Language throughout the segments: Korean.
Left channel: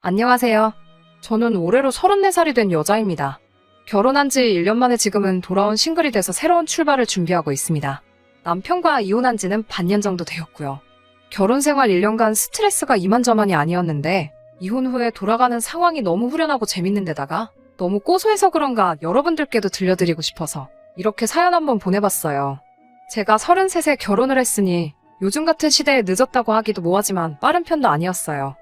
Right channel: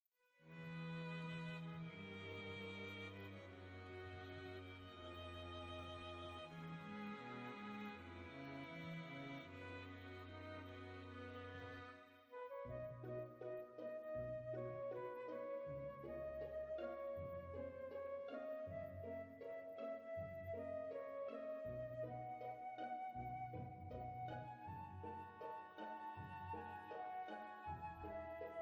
안녕하세요. 저는 올해로 34살이 된 여자입니다. 결혼한 지 1년 만에 지금은 돌아온 싱글이 돼서 새로운 출발을 준비하고 있습니다. 남편과 이혼한 지는 반년 정도 되었고요. 결혼 생활 1년간 스트레스가 이만저만이 아니었는데 이혼 후에 돌아가는 상황이 너무 후련하고 재밌는 데다가 너무 고소해서 그런가 여러분들께도 들려드리고 싶어서 이렇게 사연 한번 보내봤어요. 제가 33세 결혼을 했으니 요즘 같은 시대에 늦었다고 하기도 뭐하지만 빠른 편도 아니었어요.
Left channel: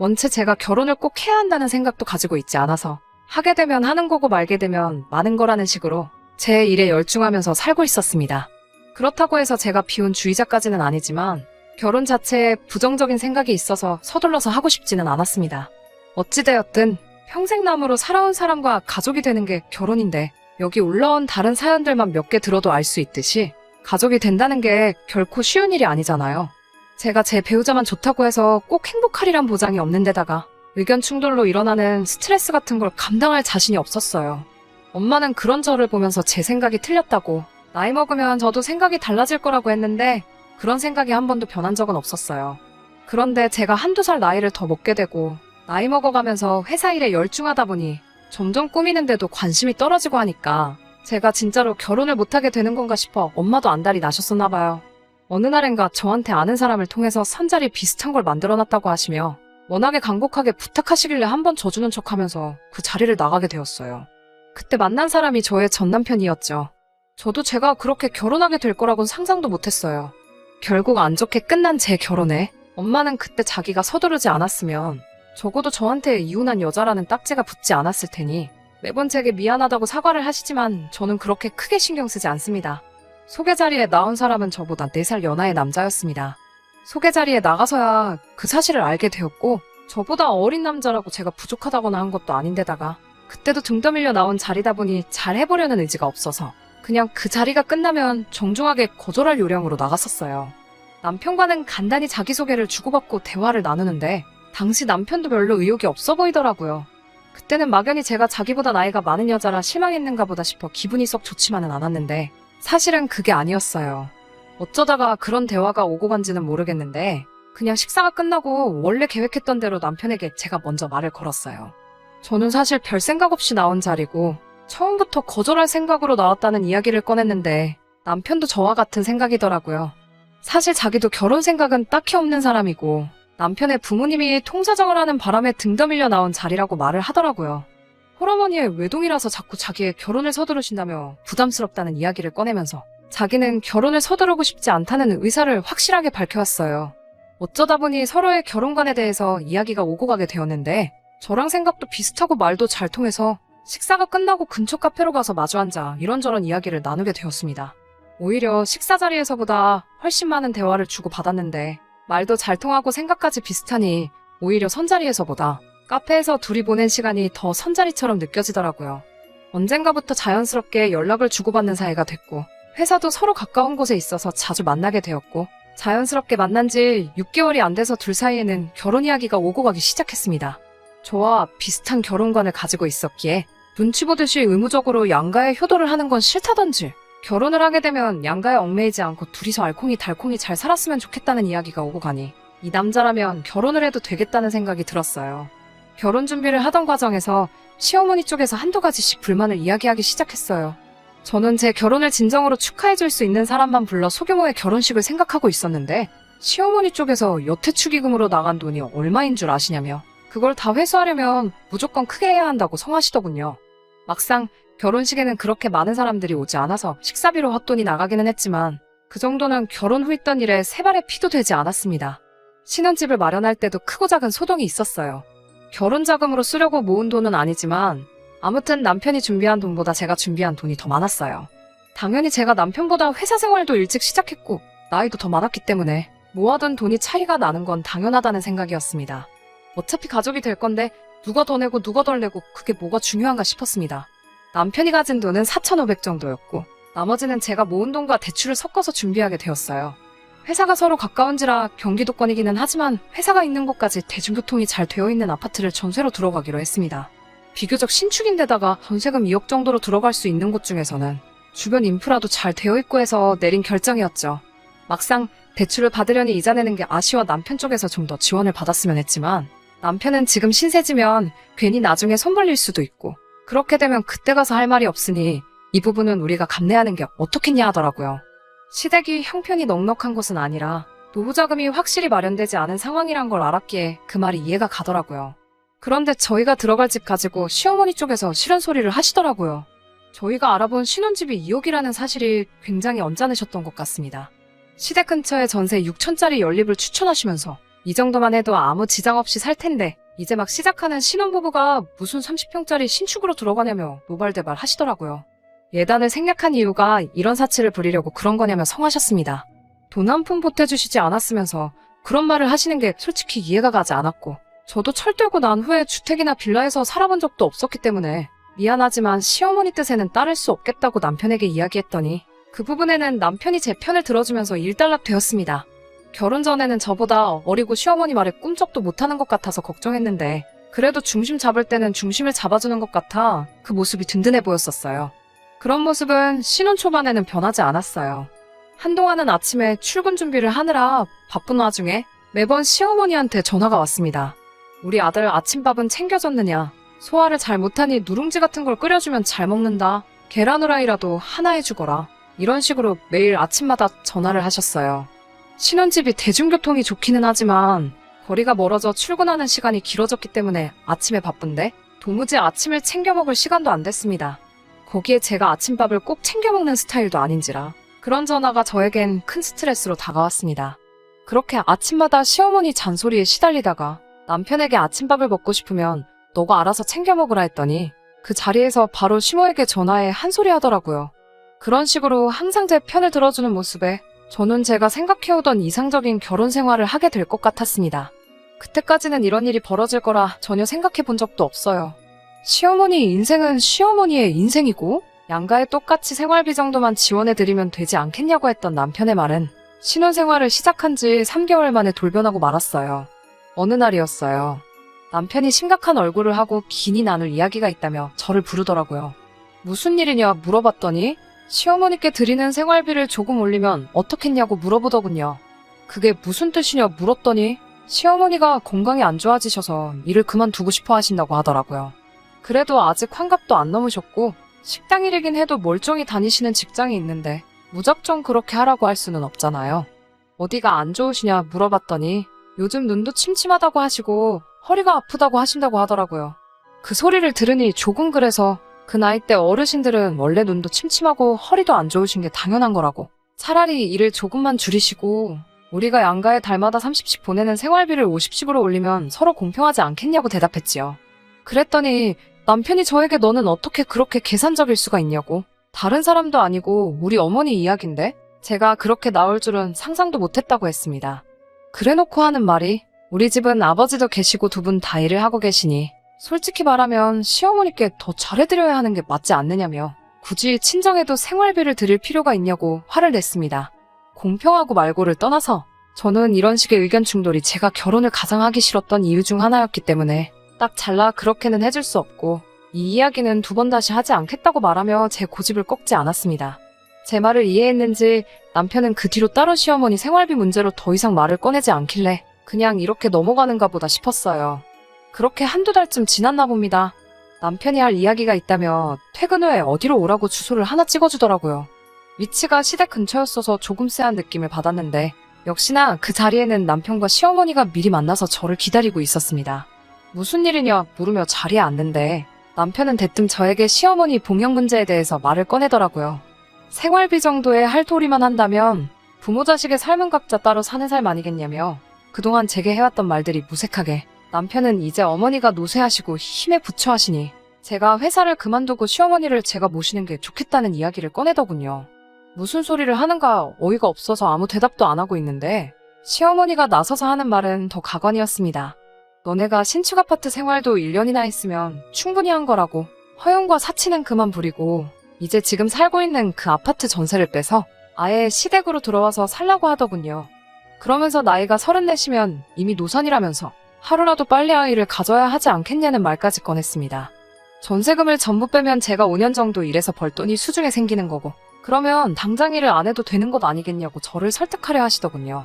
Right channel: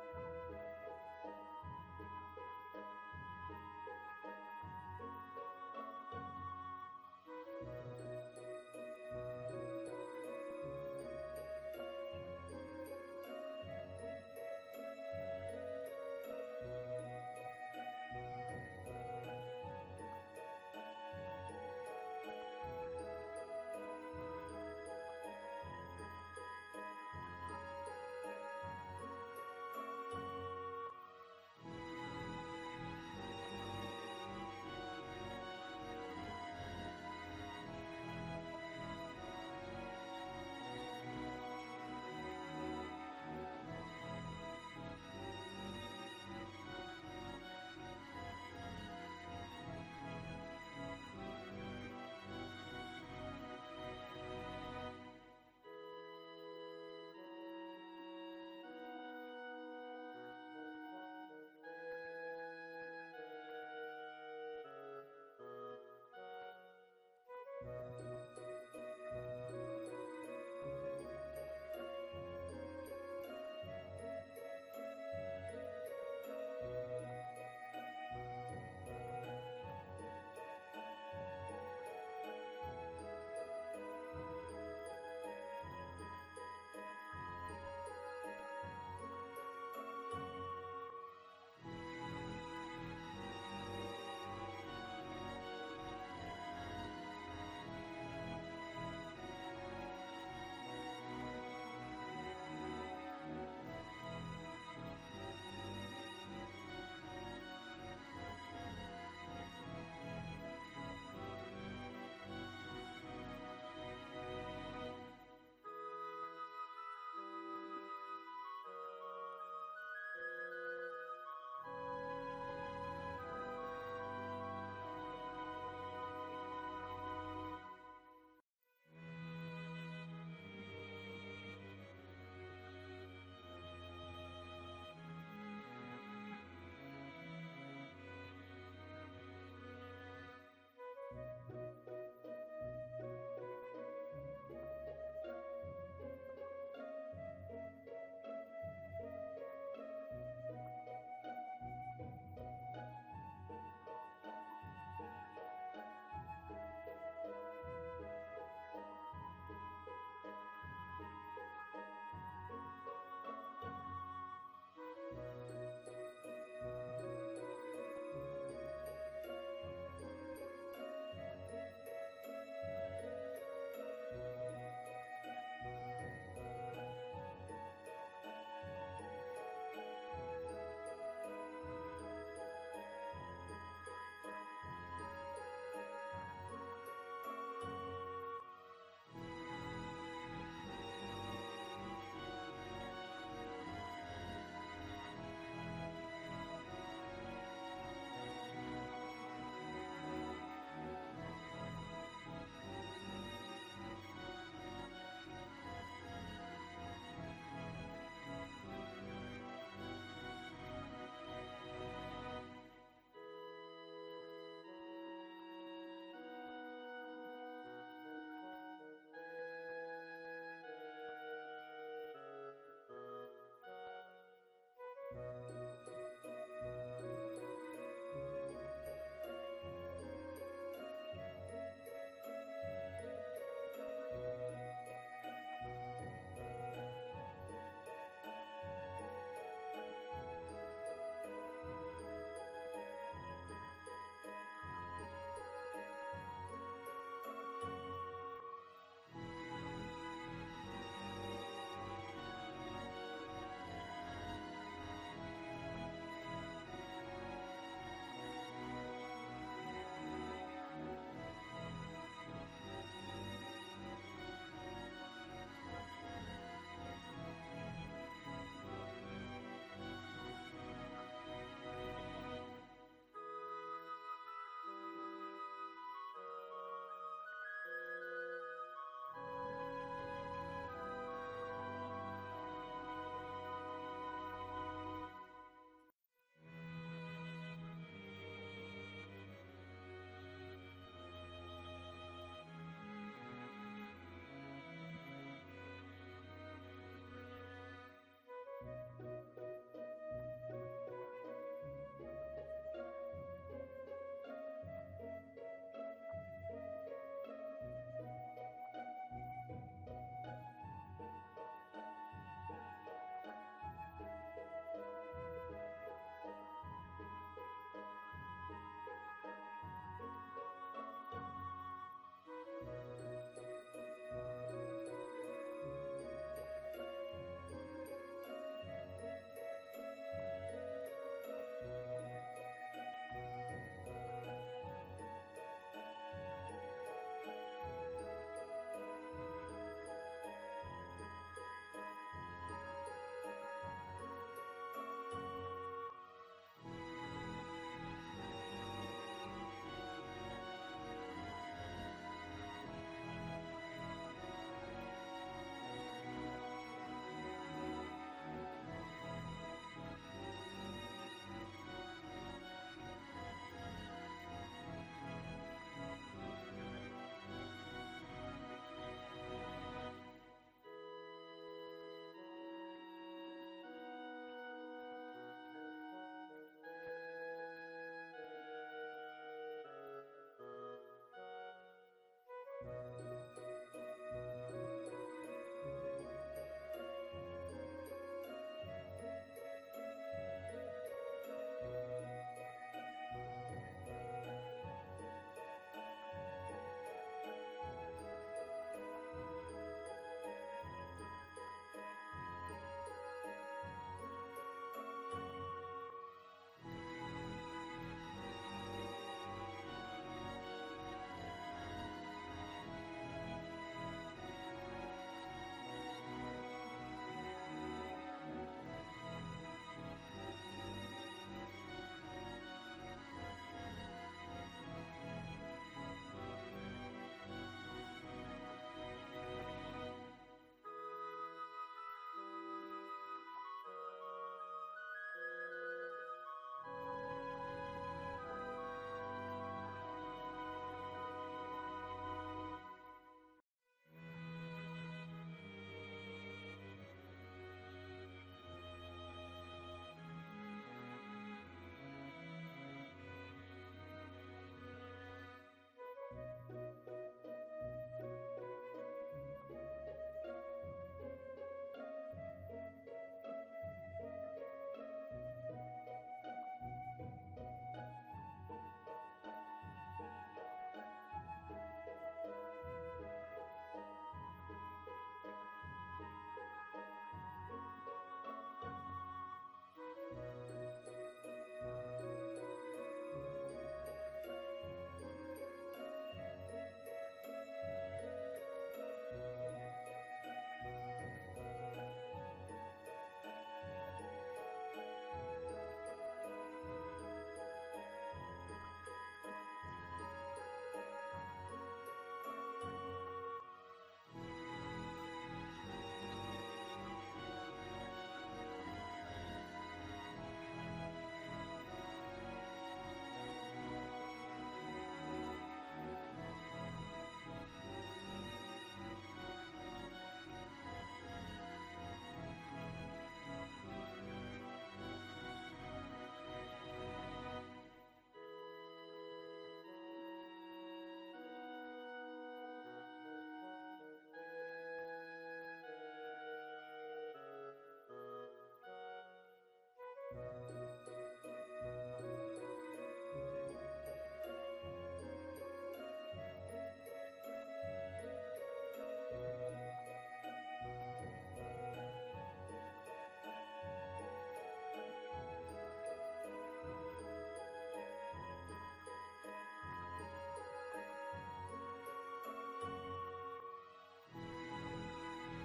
원체 제가 결혼을 꼭 해야 한다는 생각도 가지고 있지 않아서 하게 되면 하는 거고 말게 되면 마는 거라는 식으로 제 일에 열중하면서 살고 있었습니다. 그렇다고 해서 제가 비혼주의자까지는 아니지만 결혼 자체에 부정적인 생각이 있어서 서둘러서 하고 싶지는 않았습니다. 어찌되었든 평생남으로 살아온 사람과 가족이 되는 게 결혼인데 여기 올라온 다른 사연들만 몇 개 들어도 알 수 있듯이 가족이 된다는 게 결코 쉬운 일이 아니잖아요. 제가 제 배우자만 좋다고 해서 꼭 행복하리란 보장이 없는 데다가 의견 충돌로 일어나는 스트레스 같은 걸 감당할 자신이 없었어요. 엄마는 그런 저를 보면서 제 생각이 틀렸다고 나이 먹으면 저도 생각이 달라질 거라고 했는데 그런 생각이 한 번도 변한 적은 없었어요. 그런데 제가 한두 살 나이를 더 먹게 되고 나이 먹어가면서 회사 일에 열중하다 보니 점점 꾸미는데도 관심이 떨어지고 하니까 제가 진짜로 결혼을 못하게 되는 건가 싶어 엄마도 안달이 나셨었나 봐요. 어느 날엔가 저한테 아는 사람을 통해서 선자리 비슷한 걸 만들어놨다고 하시며 워낙에 간곡하게 부탁하시길래 한번 져주는 척하면서 그 자리를 나가게 되었어요. 그때 만난 사람이 저의 전남편이었죠. 저도 제가 그렇게 결혼하게 될 거라고는 상상도 못했어요. 결국 안 좋게 끝난 제 결혼에 엄마는 그때 자기가 서두르지 않았으면 적어도 저한테 이혼한 여자라는 딱지가 붙지 않았을 테니 매번 제게 미안하다고 사과를 하시지만 저는 그렇게 크게 신경 쓰지 않습니다. 소개 자리에 나온 사람은 저보다 4살 연하의 남자였습니다. 소개 자리에 나가서야 그 사실을 알게 되었고 저보다 어린 남자라고 제가 부족하다거나 한 것도 아닌데다가 그때도 등 떠밀려 나온 자리다 보니 잘 해보려는 의지가 없어서 그냥 그 자리가 끝나면 정중하게 거절할 요량으로 나갔었어요. 남편과는 간단히 자기소개를 주고받고 대화를 나누는데 당시 남편도 별로 의욕이 없어 보이더라고요. 그때는 막연히 제가 자기보다 나이가 많은 여자라 실망했는가 보다 싶어 기분이 썩 좋지만은 않았는데 사실은 그게 아니었어요. 어쩌다가 그런 대화가 오고 간지는 모르겠는데 그냥 식사가 끝나고 원래 계획했던 대로 남편에게 제가 먼저 말을 걸었어요. 저는 사실 별 생각 없이 나온 자리고 처음부터 거절할 생각으로 나왔다는 이야기를 꺼냈는데 남편도 저와 같은 생각이더라고요. 사실 자기도 결혼 생각은 딱히 없는 사람이고 남편의 부모님이 통사정을 하는 바람에 등 떠밀려 나온 자리라고 말을 하더라고요. 홀어머니의 외동이라서 자꾸 자기의 결혼을 서두르신다며 부담스럽다는 이야기를 꺼내면서 자기는 결혼을 서두르고 싶지 않다는 의사를 확실하게 밝혀왔어요. 어쩌다 보니 서로의 결혼관에 대해서 이야기가 오고 가게 되었는데 저랑 생각도 비슷하고 말도 잘 통해서 식사가 끝나고 근처 카페로 가서 마주 앉아 이런저런 이야기를 나누게 되었습니다. 오히려 식사 자리에서보다 훨씬 많은 대화를 주고받았는데 말도 잘 통하고 생각까지 비슷하니 오히려 선자리에서보다 카페에서 둘이 보낸 시간이 더 선자리처럼 느껴지더라고요. 언젠가부터 자연스럽게 연락을 주고받는 사이가 됐고 회사도 서로 가까운 곳에 있어서 자주 만나게 되었고 자연스럽게 만난 지 6개월이 안 돼서 둘 사이에는 결혼 이야기가 오고 가기 시작했습니다. 저와 비슷한 결혼관을 가지고 있었기에 눈치 보듯이 의무적으로 양가에 효도를 하는 건 싫다던지 결혼을 하게 되면 양가에 얽매이지 않고 둘이서 알콩달콩이 잘 살았으면 좋겠다는 이야기가 오고 가니 이 남자라면 결혼을 해도 되겠다는 생각이 들었어요. 결혼 준비를 하던 과정에서 시어머니 쪽에서 한두 가지씩 불만을 이야기하기 시작했어요. 저는 제 결혼을 진정으로 축하해줄 수 있는 사람만 불러 소규모의 결혼식을 생각하고 있었는데 시어머니 쪽에서 여태 축의금으로 나간 돈이 얼마인 줄 아시냐며 그걸 다 회수하려면 무조건 크게 해야 한다고 성하시더군요. 막상 결혼식에는 그렇게 많은 사람들이 오지 않아서 식사비로 헛돈이 나가기는 했지만 그 정도는 결혼 후 있던 일에 세 발의 피도 되지 않았습니다. 신혼집을 마련할 때도 크고 작은 소동이 있었어요. 결혼 자금으로 쓰려고 모은 돈은 아니지만 아무튼 남편이 준비한 돈보다 제가 준비한 돈이 더 많았어요. 당연히 제가 남편보다 회사 생활도 일찍 시작했고 나이도 더 많았기 때문에 모아둔 돈이 차이가 나는 건 당연하다는 생각이었습니다. 어차피 가족이 될 건데 누가 더 내고 누가 덜 내고 그게 뭐가 중요한가 싶었습니다. 남편이 가진 돈은 4,500 정도였고 나머지는 제가 모은 돈과 대출을 섞어서 준비하게 되었어요. 회사가 서로 가까운지라 경기도권이기는 하지만 회사가 있는 곳까지 대중교통이 잘 되어 있는 아파트를 전세로 들어가기로 했습니다. 비교적 신축인데다가 전세금 2억 정도로 들어갈 수 있는 곳 중에서는 주변 인프라도 잘 되어 있고 해서 내린 결정이었죠. 막상 대출을 받으려니 이자 내는 게 아쉬워 남편 쪽에서 좀 더 지원을 받았으면 했지만 남편은 지금 신세지면 괜히 나중에 손 벌릴 수도 있고 그렇게 되면 그때 가서 할 말이 없으니 이 부분은 우리가 감내하는 게 어떻겠냐 하더라고요. 시댁이 형편이 넉넉한 것은 아니라 노후자금이 확실히 마련되지 않은 상황이란 걸 알았기에 그 말이 이해가 가더라고요. 그런데 저희가 들어갈 집 가지고 시어머니 쪽에서 싫은 소리를 하시더라고요. 저희가 알아본 신혼집이 2억이라는 사실이 굉장히 언짢으셨던 것 같습니다. 시댁 근처에 전세 6천짜리 연립을 추천하시면서 이 정도만 해도 아무 지장 없이 살 텐데 이제 막 시작하는 신혼부부가 무슨 30평짜리 신축으로 들어가냐며 노발대발 하시더라고요. 예단을 생략한 이유가 이런 사치를 부리려고 그런 거냐며 성하셨습니다. 돈 한 푼 보태주시지 않았으면서 그런 말을 하시는 게 솔직히 이해가 가지 않았고 저도 철들고 난 후에 주택이나 빌라에서 살아본 적도 없었기 때문에 미안하지만 시어머니 뜻에는 따를 수 없겠다고 남편에게 이야기했더니 그 부분에는 남편이 제 편을 들어주면서 일단락되었습니다. 결혼 전에는 저보다 어리고 시어머니 말에 꿈쩍도 못하는 것 같아서 걱정했는데 그래도 중심 잡을 때는 중심을 잡아주는 것 같아 그 모습이 든든해 보였었어요. 그런 모습은 신혼 초반에는 변하지 않았어요. 한동안은 아침에 출근 준비를 하느라 바쁜 와중에 매번 시어머니한테 전화가 왔습니다. 우리 아들 아침밥은 챙겨줬느냐? 소화를 잘 못하니 누룽지 같은 걸 끓여주면 잘 먹는다. 계란 후라이라도 하나 해주거라. 이런 식으로 매일 아침마다 전화를 하셨어요. 신혼집이 대중교통이 좋기는 하지만 거리가 멀어져 출근하는 시간이 길어졌기 때문에 아침에 바쁜데 도무지 아침을 챙겨 먹을 시간도 안 됐습니다. 거기에 제가 아침밥을 꼭 챙겨 먹는 스타일도 아닌지라 그런 전화가 저에겐 큰 스트레스로 다가왔습니다. 그렇게 아침마다 시어머니 잔소리에 시달리다가 남편에게 아침밥을 먹고 싶으면 너가 알아서 챙겨 먹으라 했더니 그 자리에서 바로 시모에게 전화해 한 소리 하더라고요. 그런 식으로 항상 제 편을 들어주는 모습에 저는 제가 생각해오던 이상적인 결혼 생활을 하게 될 것 같았습니다. 그때까지는 이런 일이 벌어질 거라 전혀 생각해 본 적도 없어요. 시어머니 인생은 시어머니의 인생이고 양가에 똑같이 생활비 정도만 지원해드리면 되지 않겠냐고 했던 남편의 말은 신혼생활을 시작한 지 3개월 만에 돌변하고 말았어요. 어느 날이었어요. 남편이 심각한 얼굴을 하고 긴히 나눌 이야기가 있다며 저를 부르더라고요. 무슨 일이냐 물어봤더니 시어머니께 드리는 생활비를 조금 올리면 어떻겠냐고 물어보더군요. 그게 무슨 뜻이냐 물었더니 시어머니가 건강이 안 좋아지셔서 일을 그만두고 싶어 하신다고 하더라고요. 그래도 아직 환갑도 안 넘으셨고 식당 일이긴 해도 멀쩡히 다니시는 직장이 있는데 무작정 그렇게 하라고 할 수는 없잖아요. 어디가 안 좋으시냐 물어봤더니 요즘 눈도 침침하다고 하시고 허리가 아프다고 하신다고 하더라고요. 그 소리를 들으니 조금 그래서 그 나이 때 어르신들은 원래 눈도 침침하고 허리도 안 좋으신 게 당연한 거라고 차라리 일을 조금만 줄이시고 우리가 양가에 달마다 30씩 보내는 생활비를 50씩으로 올리면 서로 공평하지 않겠냐고 대답했지요. 그랬더니 남편이 저에게 너는 어떻게 그렇게 계산적일 수가 있냐고 다른 사람도 아니고 우리 어머니 이야기인데 제가 그렇게 나올 줄은 상상도 못했다고 했습니다. 그래놓고 하는 말이 우리 집은 아버지도 계시고 두 분 다 일을 하고 계시니 솔직히 말하면 시어머니께 더 잘해드려야 하는 게 맞지 않느냐며 굳이 친정에도 생활비를 드릴 필요가 있냐고 화를 냈습니다. 공평하고 말고를 떠나서 저는 이런 식의 의견 충돌이 제가 결혼을 가장 하기 싫었던 이유 중 하나였기 때문에 딱 잘라 그렇게는 해줄 수 없고 이 이야기는 두 번 다시 하지 않겠다고 말하며 제 고집을 꺾지 않았습니다. 제 말을 이해했는지 남편은 그 뒤로 따로 시어머니 생활비 문제로 더 이상 말을 꺼내지 않길래 그냥 이렇게 넘어가는가 보다 싶었어요. 그렇게 한두 달쯤 지났나 봅니다. 남편이 할 이야기가 있다며 퇴근 후에 어디로 오라고 주소를 하나 찍어주더라고요. 위치가 시댁 근처였어서 조금 쎄한 느낌을 받았는데 역시나 그 자리에는 남편과 시어머니가 미리 만나서 저를 기다리고 있었습니다. 무슨 일이냐 물으며 자리에 앉는데 남편은 대뜸 저에게 시어머니 봉양 문제에 대해서 말을 꺼내더라고요. 생활비 정도의 할도리만 한다면 부모 자식의 삶은 각자 따로 사는 삶 아니겠냐며 그동안 제게 해왔던 말들이 무색하게 남편은 이제 어머니가 노쇠하시고 힘에 부처하시니 제가 회사를 그만두고 시어머니를 제가 모시는 게 좋겠다는 이야기를 꺼내더군요. 무슨 소리를 하는가 어이가 없어서 아무 대답도 안 하고 있는데 시어머니가 나서서 하는 말은 더 가관이었습니다. 너네가 신축 아파트 생활도 1년이나 했으면 충분히 한 거라고 허용과 사치는 그만 부리고 이제 지금 살고 있는 그 아파트 전세를 빼서 아예 시댁으로 들어와서 살라고 하더군요. 그러면서 나이가 34시면 이미 노산이라면서 하루라도 빨리 아이를 가져야 하지 않겠냐는 말까지 꺼냈습니다. 전세금을 전부 빼면 제가 5년 정도 일해서 벌 돈이 수중에 생기는 거고 그러면 당장 일을 안 해도 되는 것 아니겠냐고 저를 설득하려 하시더군요.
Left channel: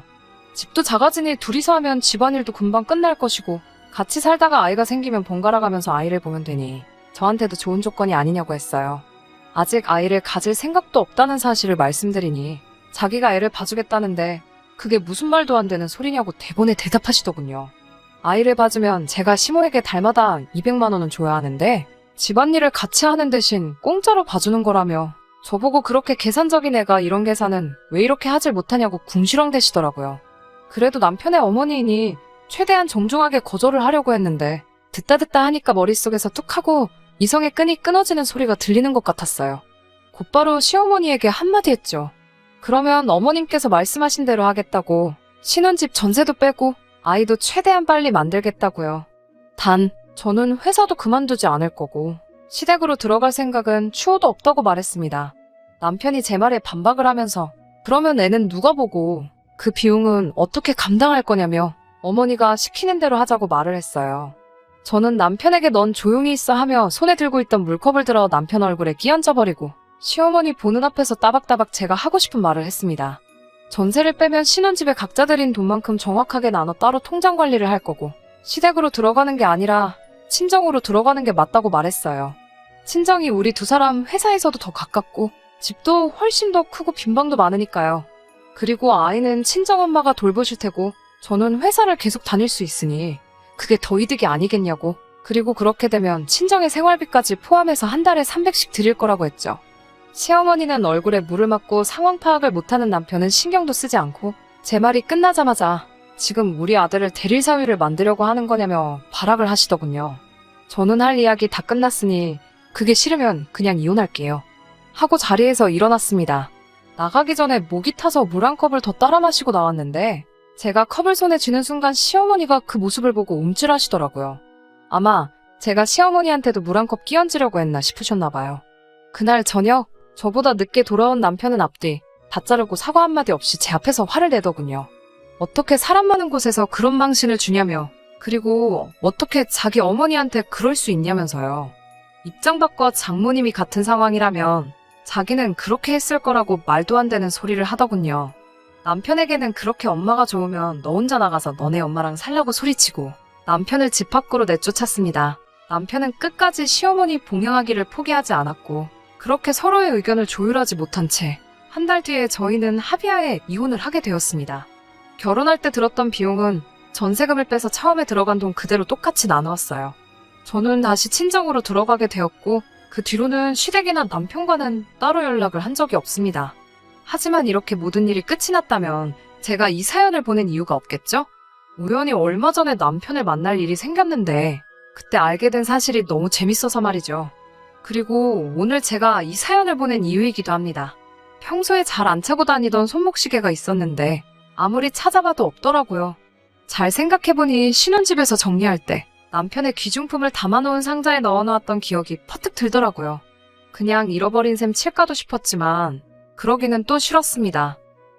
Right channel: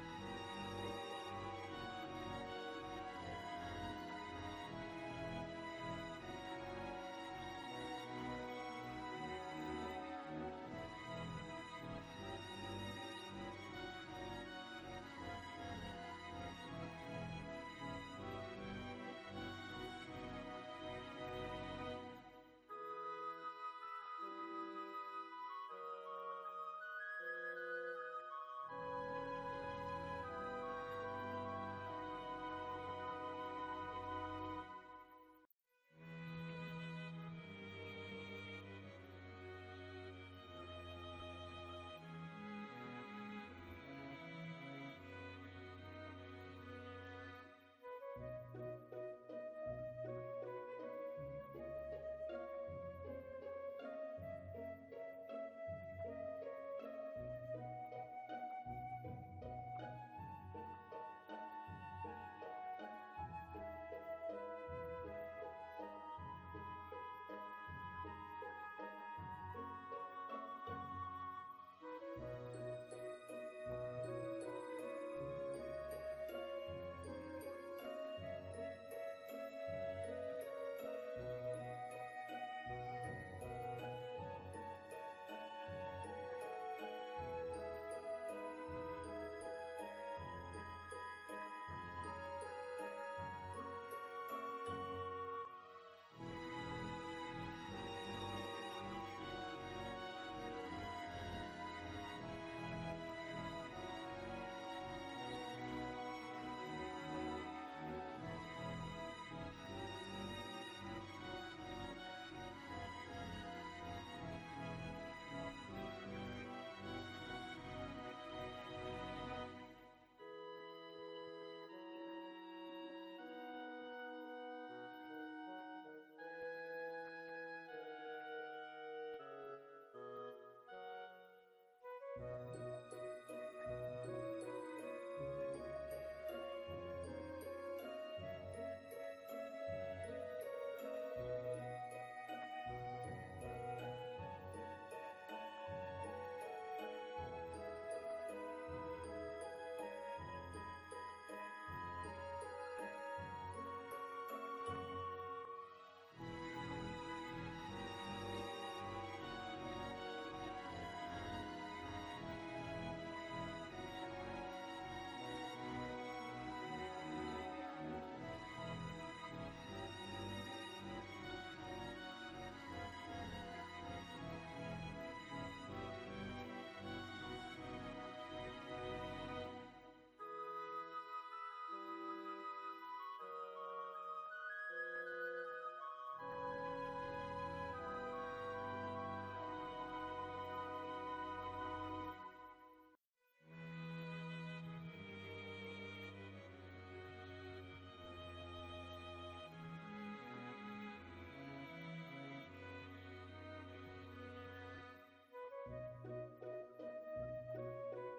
집도 작아지니 둘이서 하면 집안일도 금방 끝날 것이고 같이 살다가 아이가 생기면 번갈아 가면서 아이를 보면 되니 저한테도 좋은 조건이 아니냐고 했어요. 아직 아이를 가질 생각도 없다는 사실을 말씀드리니 자기가 애를 봐주겠다는데 그게 무슨 말도 안 되는 소리냐고 대본에 대답하시더군요. 아이를 봐주면 제가 시모에게 달마다 200만 원은 줘야 하는데 집안일을 같이 하는 대신 공짜로 봐주는 거라며 저보고 그렇게 계산적인 애가 이런 계산은 왜 이렇게 하질 못하냐고 궁시렁대시더라고요. 그래도 남편의 어머니이니 최대한 정중하게 거절을 하려고 했는데 듣다 하니까 머릿속에서 뚝 하고 이성의 끈이 끊어지는 소리가 들리는 것 같았어요. 곧바로 시어머니에게 한마디 했죠. 그러면 어머님께서 말씀하신 대로 하겠다고 신혼집 전세도 빼고 아이도 최대한 빨리 만들겠다고요. 단 저는 회사도 그만두지 않을 거고 시댁으로 들어갈 생각은 추호도 없다고 말했습니다. 남편이 제 말에 반박을 하면서 그러면 애는 누가 보고 그 비용은 어떻게 감당할 거냐며 어머니가 시키는 대로 하자고 말을 했어요. 저는 남편에게 넌 조용히 있어 하며 손에 들고 있던 물컵을 들어 남편 얼굴에 끼얹어버리고 시어머니 보는 앞에서 따박따박 제가 하고 싶은 말을 했습니다. 전세를 빼면 신혼집에 각자 들인 돈만큼 정확하게 나눠 따로 통장 관리를 할 거고 시댁으로 들어가는 게 아니라 친정으로 들어가는 게 맞다고 말했어요. 친정이 우리 두 사람 회사에서도 더 가깝고 집도 훨씬 더 크고 빈방도 많으니까요. 그리고 아이는 친정엄마가 돌보실 테고 저는 회사를 계속 다닐 수 있으니 그게 더 이득이 아니겠냐고. 그리고 그렇게 되면 친정의 생활비까지 포함해서 한 달에 300씩 드릴 거라고 했죠. 시어머니는 얼굴에 물을 맞고 상황 파악을 못하는 남편은 신경도 쓰지 않고 제 말이 끝나자마자 지금 우리 아들을 대릴 사위를 만들려고 하는 거냐며 발악을 하시더군요. 저는 할 이야기 다 끝났으니 그게 싫으면 그냥 이혼할게요. 하고 자리에서 일어났습니다. 나가기 전에 목이 타서 물 한 컵을 더 따라 마시고 나왔는데 제가 컵을 손에 쥐는 순간 시어머니가 그 모습을 보고 움찔하시더라고요. 아마 제가 시어머니한테도 물 한 컵 끼얹으려고 했나 싶으셨나 봐요. 그날 저녁 저보다 늦게 돌아온 남편은 앞뒤 다 자르고 사과 한마디 없이 제 앞에서 화를 내더군요. 어떻게 사람 많은 곳에서 그런 망신을 주냐며 그리고 어떻게 자기 어머니한테 그럴 수 있냐면서요. 입장 바꿔 장모님이 같은 상황이라면 자기는 그렇게 했을 거라고 말도 안 되는 소리를 하더군요. 남편에게는 그렇게 엄마가 좋으면 너 혼자 나가서 너네 엄마랑 살라고 소리치고 남편을 집 밖으로 내쫓았습니다. 남편은 끝까지 시어머니 봉양하기를 포기하지 않았고 그렇게 서로의 의견을 조율하지 못한 채 한 달 뒤에 저희는 합의하에 이혼을 하게 되었습니다. 결혼할 때 들었던 비용은 전세금을 빼서 처음에 들어간 돈 그대로 똑같이 나누었어요. 저는 다시 친정으로 들어가게 되었고 그 뒤로는 시댁이나 남편과는 따로 연락을 한 적이 없습니다. 하지만 이렇게 모든 일이 끝이 났다면 제가 이 사연을 보낸 이유가 없겠죠? 우연히 얼마 전에 남편을 만날 일이 생겼는데 그때 알게 된 사실이 너무 재밌어서 말이죠. 그리고 오늘 제가 이 사연을 보낸 이유이기도 합니다. 평소에 잘 안 차고 다니던 손목시계가 있었는데 아무리 찾아봐도 없더라고요. 잘 생각해보니 신혼집에서 정리할 때 남편의 귀중품을 담아놓은 상자에 넣어놓았던 기억이 퍼뜩 들더라고요. 그냥 잃어버린 셈 칠까도 싶었지만 그러기는 또 싫었습니다.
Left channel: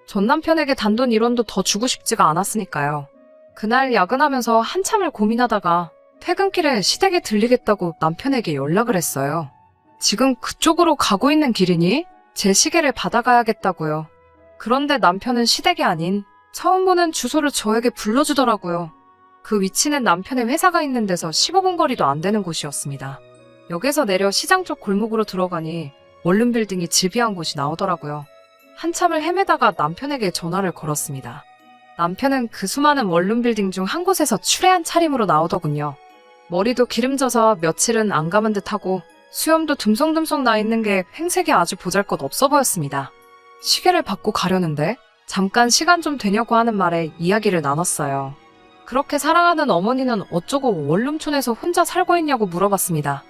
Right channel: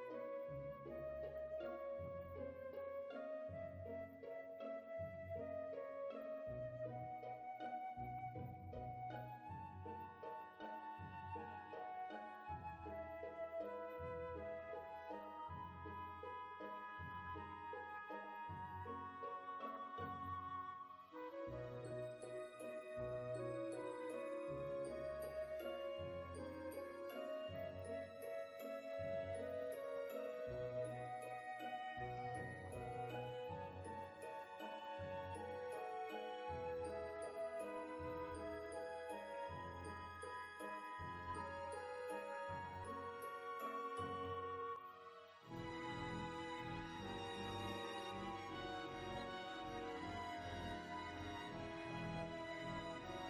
전 남편에게 단돈 1원도 더 주고 싶지가 않았으니까요. 그날 야근하면서 한참을 고민하다가 퇴근길에 시댁에 들리겠다고 남편에게 연락을 했어요. 지금 그쪽으로 가고 있는 길이니 제 시계를 받아가야겠다고요. 그런데 남편은 시댁이 아닌 처음 보는 주소를 저에게 불러주더라고요. 그 위치는 남편의 회사가 있는 데서 15분 거리도 안 되는 곳이었습니다. 역에서 내려 시장 쪽 골목으로 들어가니 원룸 빌딩이 질비한 곳이 나오더라고요. 한참을 헤매다가 남편에게 전화를 걸었습니다. 남편은 그 수많은 원룸 빌딩 중 한 곳에서 추레한 차림으로 나오더군요. 머리도 기름져서 며칠은 안 감은 듯하고 수염도 듬성듬성 나 있는 게 행색이 아주 보잘것없어 보였습니다. 시계를 받고 가려는데 잠깐 시간 좀 되냐고 하는 말에 이야기를 나눴어요. 그렇게 사랑하는 어머니는 어쩌고 원룸촌에서 혼자 살고 있냐고 물어봤습니다.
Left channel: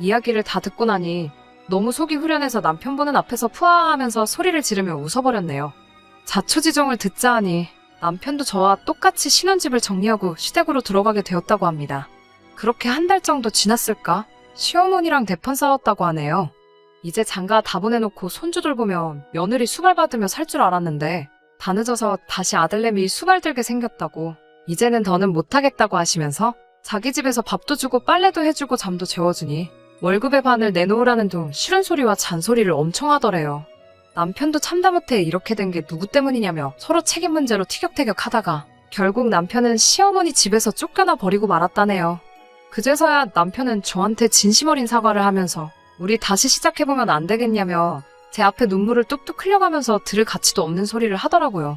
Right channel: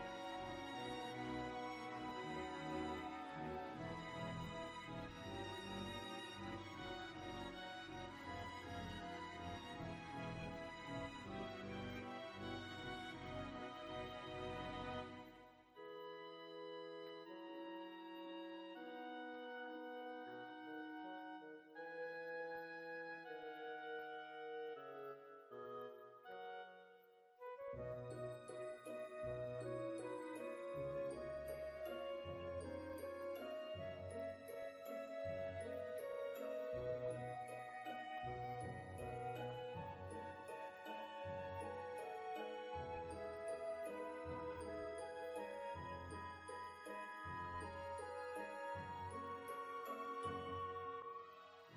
이야기를 다 듣고 나니 너무 속이 후련해서 남편 보는 앞에서 푸아하면서 소리를 지르며 웃어버렸네요. 자초지종을 듣자 하니 남편도 저와 똑같이 신혼집을 정리하고 시댁으로 들어가게 되었다고 합니다. 그렇게 한 달 정도 지났을까? 시어머니랑 대판 싸웠다고 하네요. 이제 장가 다 보내놓고 손주 돌보며 며느리 수발 받으며 살 줄 알았는데 다 늦어서 다시 아들내미 수발 들게 생겼다고 이제는 더는 못하겠다고 하시면서 자기 집에서 밥도 주고 빨래도 해주고 잠도 재워주니 월급의 반을 내놓으라는 둥 싫은 소리와 잔소리를 엄청 하더래요. 남편도 참다 못해 이렇게 된 게 누구 때문이냐며 서로 책임 문제로 티격태격 하다가 결국 남편은 시어머니 집에서 쫓겨나 버리고 말았다네요. 그제서야 남편은 저한테 진심 어린 사과를 하면서 우리 다시 시작해보면 안 되겠냐며 제 앞에 눈물을 뚝뚝 흘려가면서 들을 가치도 없는 소리를 하더라고요.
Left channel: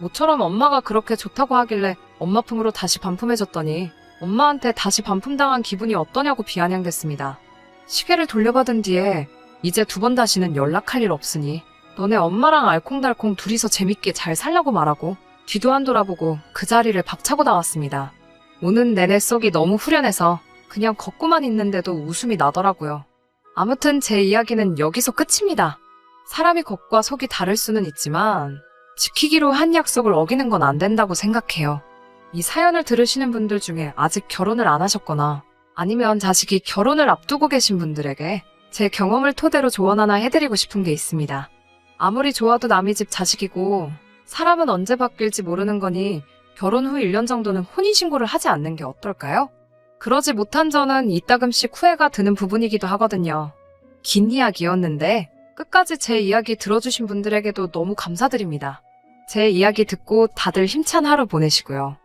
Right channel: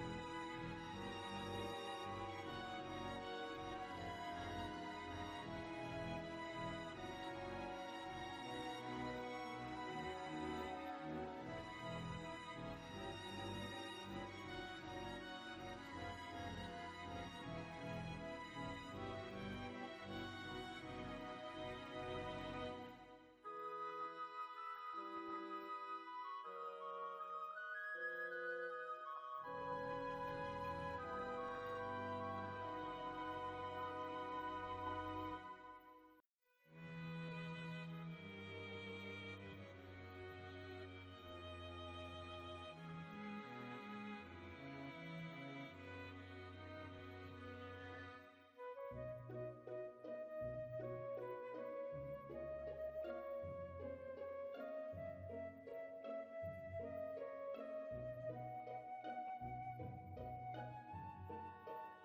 모처럼 엄마가 그렇게 좋다고 하길래 엄마 품으로 다시 반품해줬더니 엄마한테 다시 반품당한 기분이 어떠냐고 비아냥댔습니다. 시계를 돌려받은 뒤에 이제 2번 다시는 연락할 일 없으니 너네 엄마랑 알콩달콩 둘이서 재밌게 잘 살라고 말하고 뒤도 안 돌아보고 그 자리를 박차고 나왔습니다. 오는 내내 속이 너무 후련해서 그냥 걷고만 있는데도 웃음이 나더라고요. 아무튼 제 이야기는 여기서 끝입니다. 사람이 겉과 속이 다를 수는 있지만 지키기로 한 약속을 어기는 건 안 된다고 생각해요. 이 사연을 들으시는 분들 중에 아직 결혼을 안 하셨거나 아니면 자식이 결혼을 앞두고 계신 분들에게 제 경험을 토대로 조언 하나 해드리고 싶은 게 있습니다. 아무리 좋아도 남의 집 자식이고 사람은 언제 바뀔지 모르는 거니 결혼 후 1년 정도는 혼인신고를 하지 않는 게 어떨까요? 그러지 못한 저는 이따금씩 후회가 드는 부분이기도 하거든요. 긴 이야기였는데 끝까지 제 이야기 들어주신 분들에게도 너무 감사드립니다. 제 이야기 듣고 다들 힘찬 하루 보내시고요.